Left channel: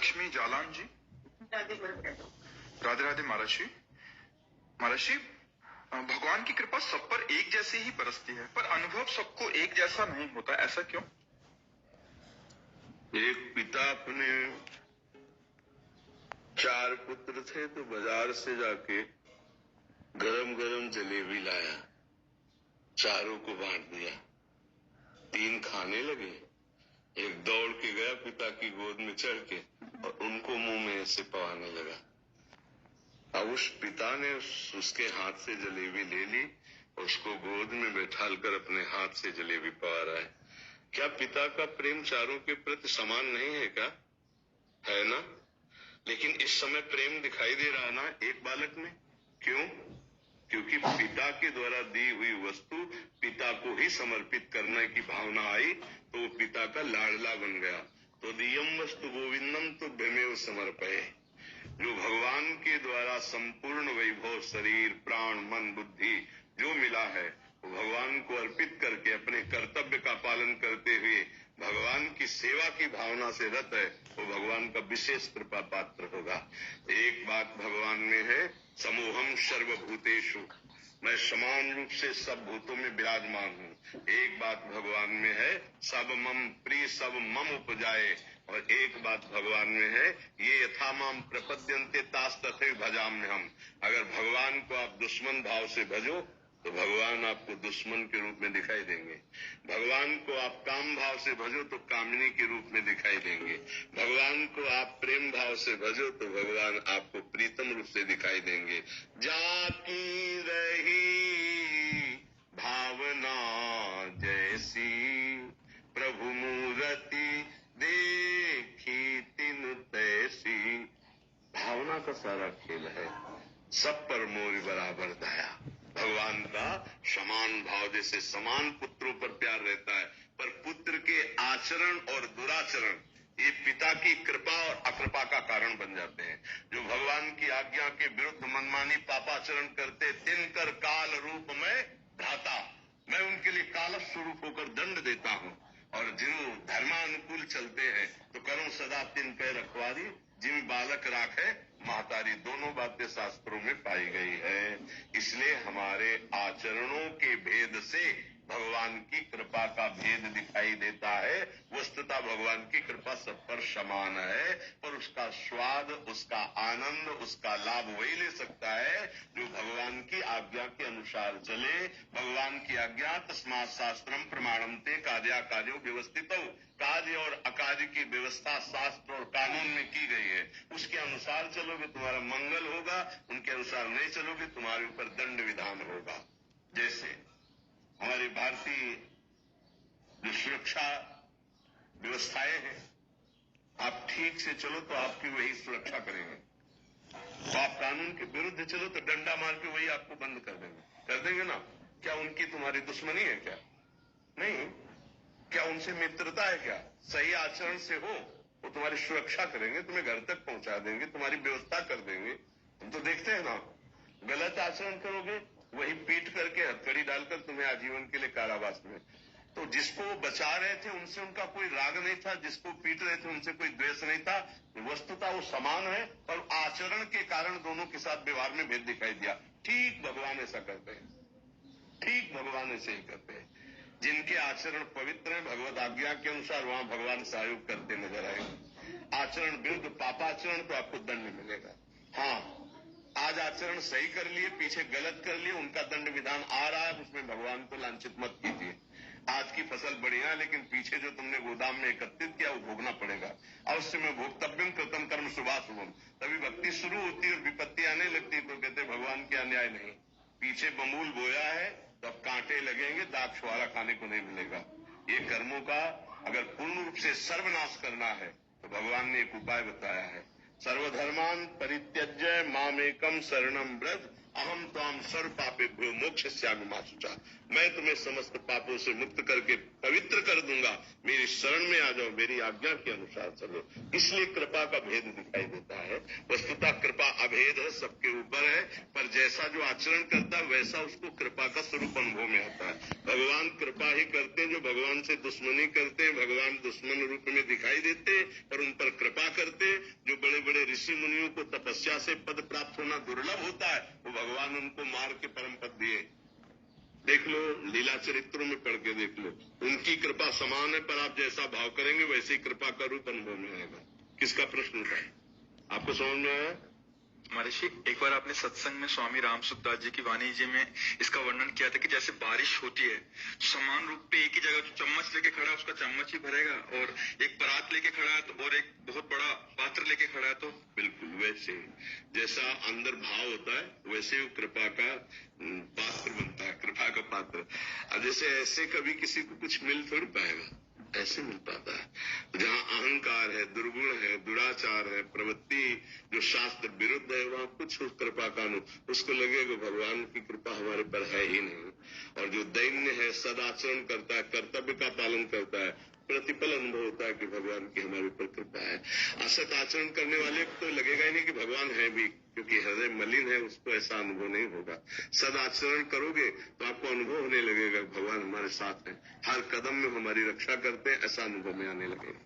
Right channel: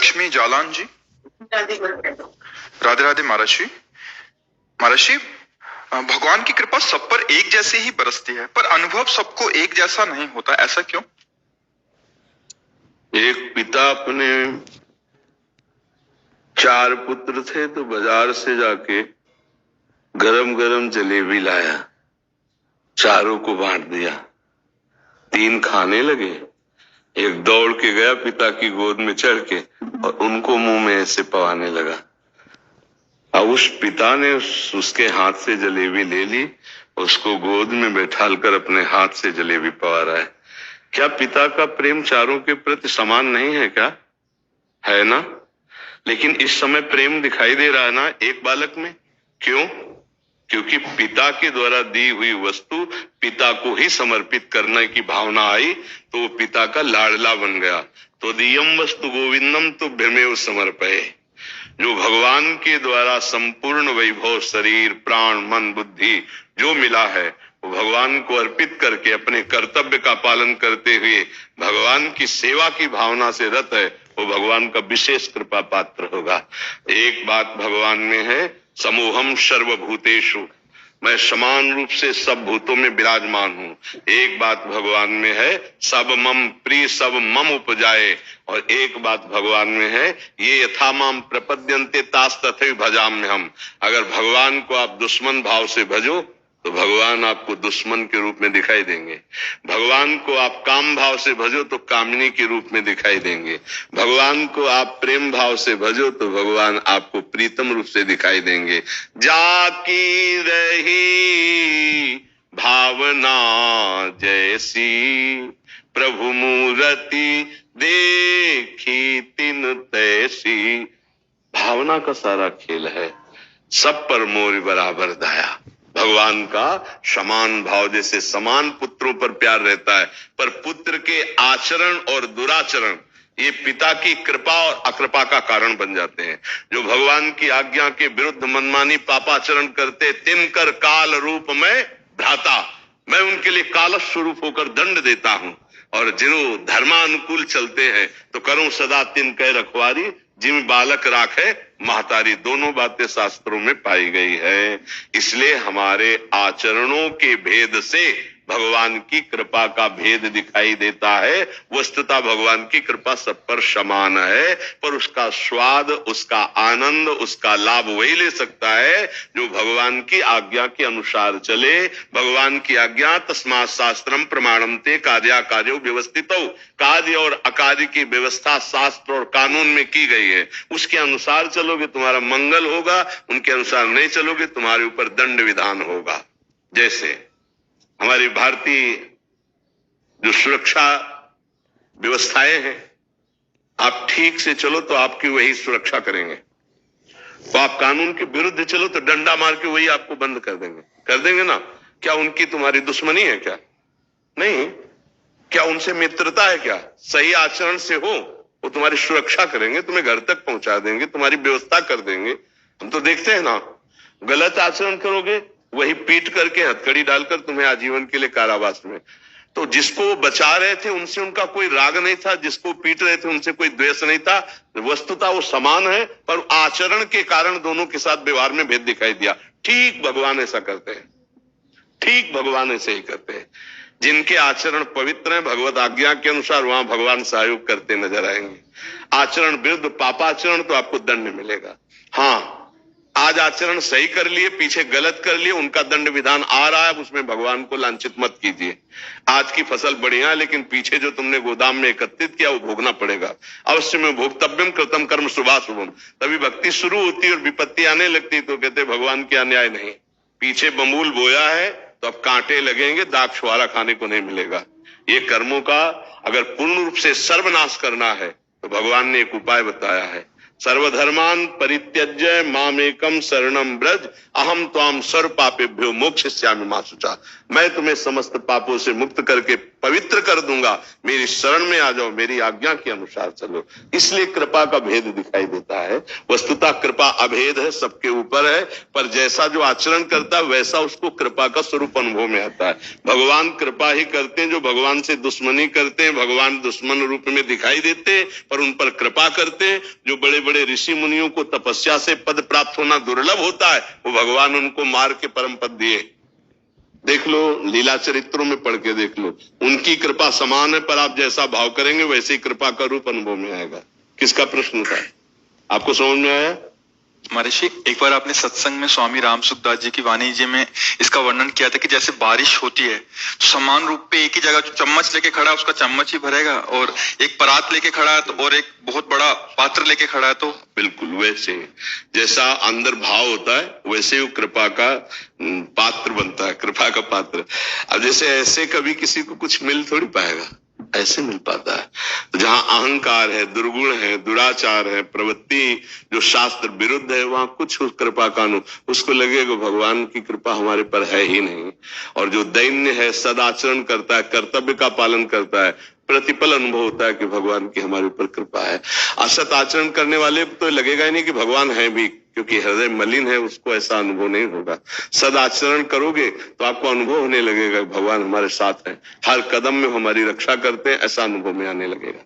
लक्ष्मी जालान जी। राधे राधे महाराज जी। महाराज जी, भगवान की कृपा सब पर एक जैसे ही बरसती है, पर अनुभव सबको एक जैसा नहीं होता, ऐसा क्यों? एक पिता अपने 4 पुत्र थे तो बाजार से जाके गरम गरम जलेबी लाया, चारों को बांट दिया। 3 खाने लगे, एक दौड़ के गया पिता की गोद में चढ़ के और उनको मुंह में ऐसे पवाने लगा। अब उस पिता ने उसके हाथ से जलेबी ले ली, उसको गोद में बैठालकर अपने हाथ से जलेबी पवा रहा है। क्या पिता का प्रेम चारों के प्रति समान नहीं है क्या? है ना? लेकिन इस समय प्रेम दिखाई दे रहा है ना एक बालक में। क्यों? क्योंकि पिता के द्वारा दी हुई वस्तु पिता को ही समर्पित करने की भावना आई, तो वो पिता का लाडला बन गया। तो दियम वस्तु गोविंदम तो भ्रमेव समर्पये। जो भगवान के द्वारा संपूर्ण वैभव, शरीर, प्राण, मन, बुद्धि जो मिला है, वो भगवान को अर्पित करके अपने कर्तव्य का पालन करते हुए भगवान की सेवा की भावना से रत है, वो भगवान का विशेष कृपा पात्र होगा। एक बात भगवान में है, समूहम सर्वभूतेषु, मैं समान रूप से सब भूतों में विराजमान हूँ। एक बात भगवान में है, सब मम प्रिय सब मम उपजाए। और एक बात भगवान में है, ये यथा माम प्रपद्यन्ते तास तथैव भजाम्यहम्। अगर भगवान को आप दुश्मन भाव से भजो तो भगवान आपको दुश्मन के रूप में दिखाई देंगे। भगवान को आप काम भाव से भजो तो कामिनी के रूप में दिखाई देंगे। भगवान को आप प्रेम भाव से भजो तो भगवान आपको प्रीतम रूप से दिखाई देंगे। जाकी रही भावना जैसी, प्रभु मूर्ति देखी तिन तैसी। भावना का सारा खेल है, सब पर मोर बराबर दया। भगवान का समान भाव, जैसे समान पुत्रों पर प्यार रहता है, पर पुत्र के आचरण और दुराचरण ये पिता की कृपा और अकृपा का कारण बन जाते हैं। जो भगवान की आज्ञा के विरुद्ध मनमानी पापाचरण करते, तिनकर काल रूप में भ्राता, मैं उनके लिए कालस स्वरूप होकर दंड देता हूं। और जो धर्मानुकूल चलते हैं तो करूं सदा तिनके रखवारी, जिम बालक राखे महतारी। दोनों बातें शास्त्रों में पाई गई है। इसलिए हमारे आचरणों के भेद से भगवान की कृपा का भेद दिखाई देता है। वस्तुतः भगवान की कृपा सब पर समान है, पर उसका स्वाद, उसका आनंद, उसका लाभ वही ले सकता है जो भगवान की आज्ञा के अनुसार चले। भगवान की आज्ञा तस्मात् शास्त्रम प्रमाणम ते कार्याकार्यो व्यवस्थितौ। कार्य और अकार्य की व्यवस्था शास्त्र और कानून में की गई है। उसके अनुसार चलोगे तुम्हारा मंगल होगा, उनके अनुसार नहीं चलोगे तुम्हारे ऊपर दंड विधान होगा। जैसे हमारी भारतीय जो सुरक्षा व्यवस्थाएं हैं, आप ठीक से चलो तो आपकी वही सुरक्षा करेंगे, तो आप कानून के विरुद्ध चलो तो डंडा मार के वही आपको बंद कर देंगे। कर देंगे ना? क्या उनकी तुम्हारी दुश्मनी है क्या? नहीं। क्या उनसे मित्रता है क्या? सही आचरण से हो, वो तुम्हारी सुरक्षा करेंगे, तुम्हें घर तक पहुंचा देंगे, तुम्हारी व्यवस्था कर देंगे। हम तो देखते हैं ना, गलत आचरण करोगे वही पीट करके हथकड़ी डालकर तुम्हें आजीवन के लिए कारावास में। तो जिसको वो बचा रहे थे उनसे उनका कोई राग नहीं था, जिसको पीट रहे थे उनसे कोई द्वेष नहीं था। वस्तुतः वो समान है, पर आचरण के कारण दोनों के साथ व्यवहार में भेद दिखाई दिया। ठीक भगवान ऐसा करते हैं, ठीक भगवान ऐसे ही करते हैं। जिनके आचरण पवित्र हैं भगवत आज्ञा के अनुसार, वहां भगवान सहयोग करते नजर आएंगे। आचरण विरुद्ध पापाचरण तो आपको दंड मिलेगा। हाँ, आज आचरण सही कर लिए, पीछे गलत कर लिए, उनका दंड विधान आ रहा है, उसमें भगवान को लांछित मत कीजिए। आज की फसल बढ़िया, लेकिन पीछे जो तुमने गोदाम में एकत्रित किया वो भोगना पड़ेगा। अवश्य में भोक्तव्यम कृतम कर्म शुभाशुभम। तभी भक्ति शुरू होती और विपत्ति आने लगती तो कहते भगवान की अन्याय नहीं। पीछे बमूल बोया है तो अब कांटे लगेंगे, दाग छुआरा खाने को नहीं मिलेगा। ये कर्मों का अगर पूर्ण रूप से सर्वनाश करना है तो भगवान ने एक उपाय बताया है। सर्वधर्मान परित्यज्य मामेकम शरणम ब्रज, अहम त्वाम सर्व पापेभ्यो मोक्षयिष्यामि मा शुचा। मैं तुम्हें समस्त पापों से मुक्त करके पवित्र कर दूंगा, मेरी शरण में आ जाओ, मेरी आज्ञा के अनुसार चलो। इसलिए कृपा का भेद दिखाई देता है। वस्तुतः कृपा अभेद है, सबके ऊपर है, पर जैसा जो आचरण करता है वैसा उसको कृपा का स्वरूप अनुभव में आता है। भगवान कृपा ही करते हैं, जो भगवान से दुश्मनी करते हैं भगवान दुश्मन रूप में दिखाई देते हैं, पर उन पर कृपा करते हैं। जो बड़े बड़े ऋषि मुनियों को तपस्या से पद प्राप्त होना दुर्लभ होता है, वो भगवान उनको मार के परम पद दिए। देख लो, लीला चरित्रों में पढ़ के देख लो, उनकी कृपा समान है, पर आप जैसा भाव करेंगे वैसे ही कृपा का रूप अनुभव में आएगा। किसका प्रश्न था, आपको समझ में आया? महर्षि, एक बार आपने सत्संग में स्वामी रामसुखदास जी की वाणी जी में इसका वर्णन किया था कि जैसे बारिश होती है तो समान रूप पे एक ही जगह जो चम्मच लेके खड़ा है उसका चम्मच ही भरेगा, और एक परात लेके खड़ा है तो और एक बहुत बड़ा पात्र लेके खड़ा है तो बिल्कुल वैसे जैसा अंदर भाव होता है वैसे वो कृपा का पात्र बनता है, कृपा का पात्र। अब जैसे ऐसे कभी किसी को कुछ मिल थोड़ी पाएगा, ऐसे मिल पाता है। तो जहां अहंकार है, दुर्गुण है, दुराचार है, प्रवृत्ति जो शास्त्र विरुद्ध है, वहां कुछ उस कृपा का उसको लगेगा भगवान की कृपा हमारे पर है ही नहीं। और जो दैन्य है, सदाचरण करता है, कर्तव्य का पालन करता है, प्रतिपल अनुभव होता है कि भगवान की हमारे ऊपर कृपा है। असत आचरण करने वाले तो लगेगा ही नहीं कि भगवान है भी, क्योंकि हृदय मलिन है, उसको ऐसा अनुभव नहीं होगा। सदाचरण करोगे तो आपको अनुभव होने लगेगा भगवान हमारे साथ है, हर कदम में हमारी रक्षा करते हैं, ऐसा अनुभव में आने लगेगा।